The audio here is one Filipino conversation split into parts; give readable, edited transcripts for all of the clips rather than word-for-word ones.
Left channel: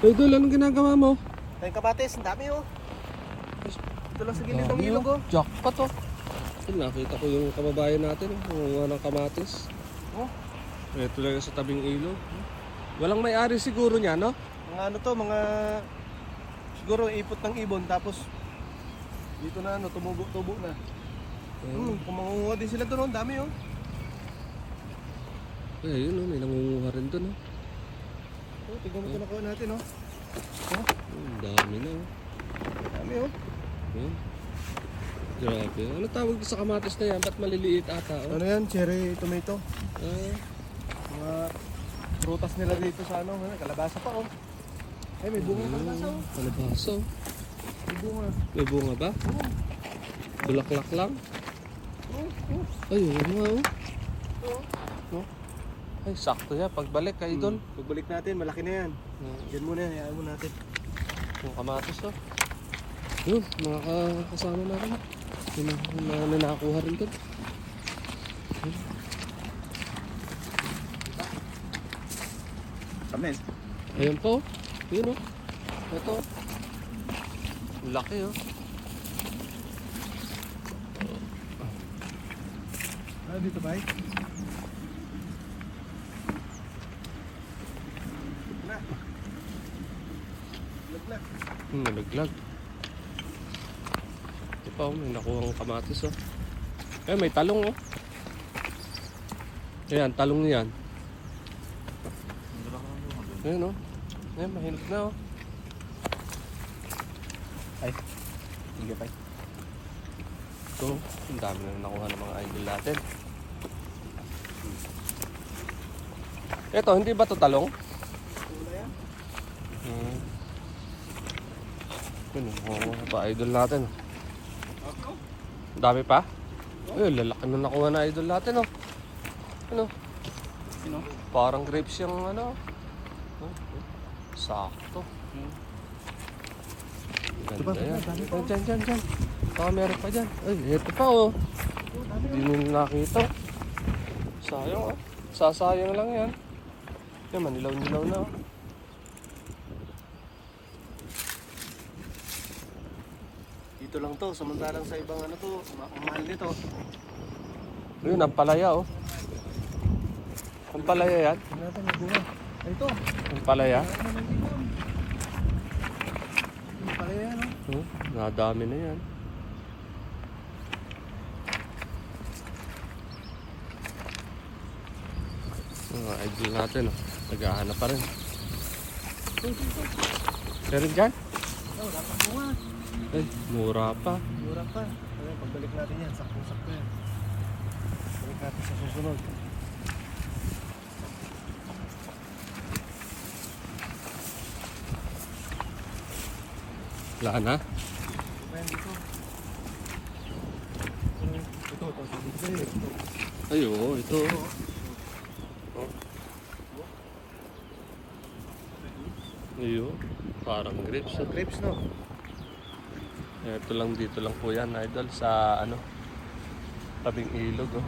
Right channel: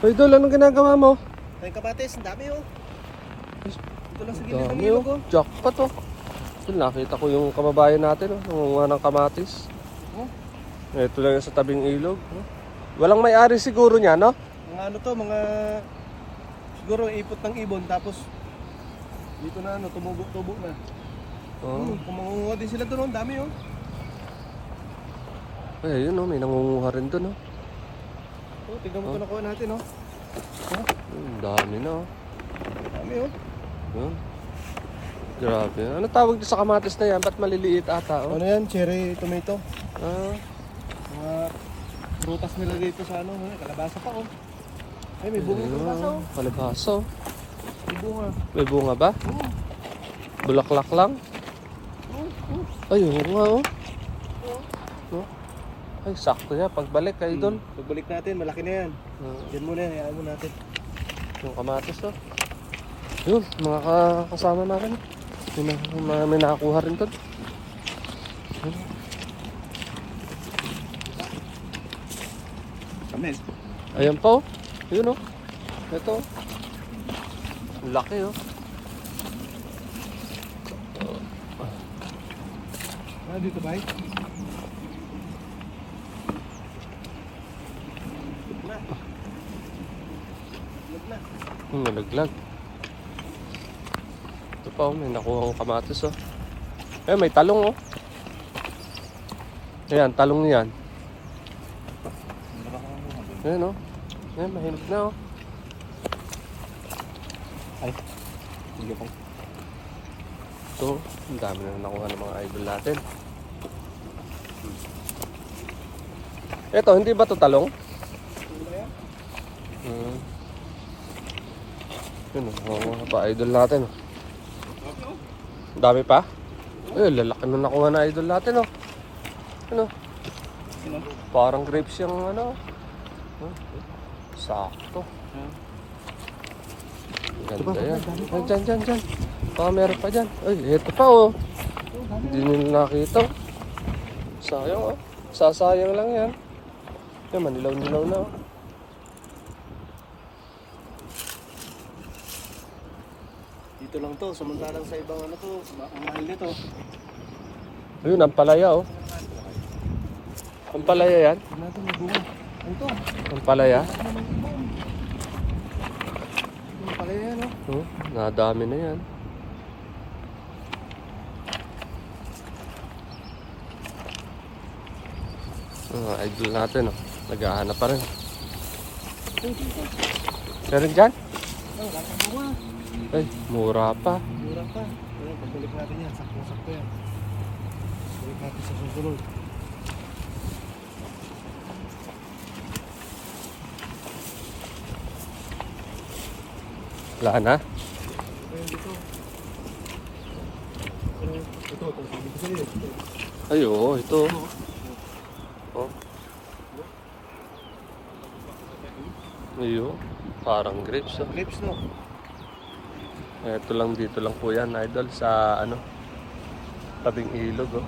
Uy, Idol, anong ginagawa mo? Tayong kabatis, ang dami oh. Ito lang sa gilid ng ilog oh. Jackpot oh. Yun, nakita ko yung kababayan natin oh, nangunguha ng kamatis. Oh. Ito lang sa tabing ilog. Walang may-ari siguro niya, no? Mga ano to, mga siguro ipot ng ibon tapos dito na ano, tumubo-tubo na. Oh. Kung mangunguha din sila doon, oh, ang dami oh. Ay, yun oh, may nangunguha rin dun oh. Oh, tignan mo ito nakuha natin oh. Dami na oh. Ang dami oh. Yun. Grabe. Ano tawag sa kamatis na yan? Ba't maliliit ata oh? Ano yan? Cherry tomato. Ah, Mga prutas nila dito sa ano, kalabasa pa oh. Ay, may bunga yung kalabasa oh. Kalabasa oh. May bunga. May bunga ba? Oo. Bulaklak lang? Ay, oo nga oh. Oh. Ay, sakto yan. Pagbalik kayo doon. Pagbalik natin, malaki na yan. Diyan muna, hayaan mo natin. Yung kamatis oh. Yun, mga kasama namin. May nakakuha rin doon. Kami. Ayan pa oh. Yun oh. Ito oh. Ang laki oh. Ah, dito ba? Na. Lag na. Nalaglag. Ito pa oh, may nakuha akong kamatis oh. Eh, may talong oh. Ayan, talong yan. Ayan oh. Ayan, mahilig na oh. Ay. Sige pa. Ito, ang dami na nakuha ng mga idol natin. Ito, hindi ba ito talong? Ito, nakuha pa idol natin. Ang dami pa? Eh, lalaki na nakuha na idol natin oh. Ano? Sino? Parang grapes yung ano. Sakto. Diba? Ganda yan. Ay, dyan. Meron pa dyan. Ay, ito pa oh. Hindi nyo nakita. Sayang oh. Sasayang lang yan. Ito, manilaw na oh. Dito lang to, samantalang sa ibang ano to, ang mahal nito. Ayun, ang palaya oh. Ang palaya yan. Tingnan natin, may bunga. Ay, ito. Ang palaya. Yung pala yan, oh. Nadami na yan. Idol natin oh. Naghahanap pa rin. Meron dyan? Wala pang bunga. Ay, mura pa. Mura pa. Ayan, pagbalik natin yan, sakto-sakto yan. Balik natin sa susunod. Wala na. Ayan, dito. Ito, tagpilig sa'yo. Ito. Ay, oo, ito. Oh. Ayun, parang grapes. Oh. Grapes, no? Ito lang, dito lang po yan, idol, sa ano, tabing ilog. Oh.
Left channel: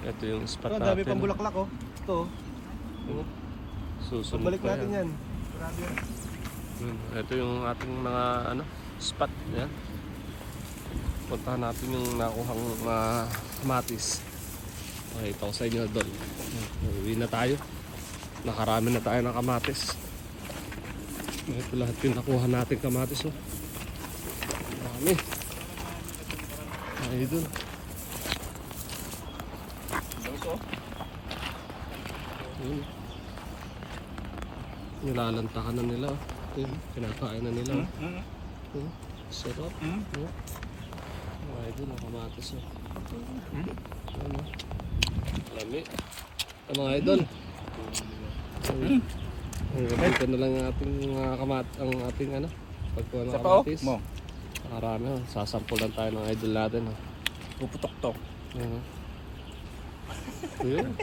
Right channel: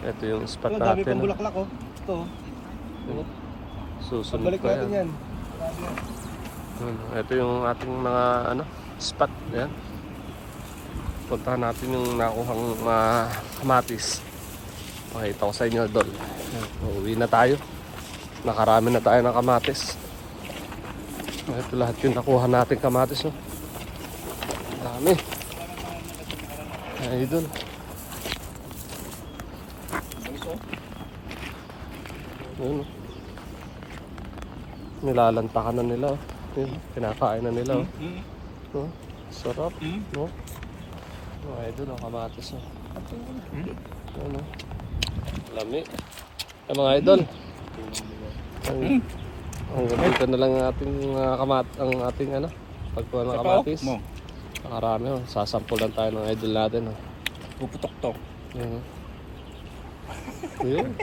Ito yung spot Ito, natin. dami pang bulaklak, oh. Ito, Oh. Susunod pagbalik pa natin yan. Grabe yan. Ito yung ating mga ano, spot. Yan. Puntahan natin yung nakuhang kamatis. Makita ko sa inyo doon. Uwi na tayo. Nakarami na tayo ng kamatis. Ito lahat yung nakuha natin kamatis. Oh. Dami. Ay, doon. Ayun. Nilalantakan na nila. Oh. Yun, kinakain na nila. Oh. Oh, sarap. No? Oh, idol ang kamatis. Oh. Ano? Lami. Ay, mga idol. Hanggang dito na lang ang ating ang ating ano, pagkuha ng kamatis. Nakarami. Oh. Sasampulan tayo ng idol natin. Oh. Puputok to. Ayun.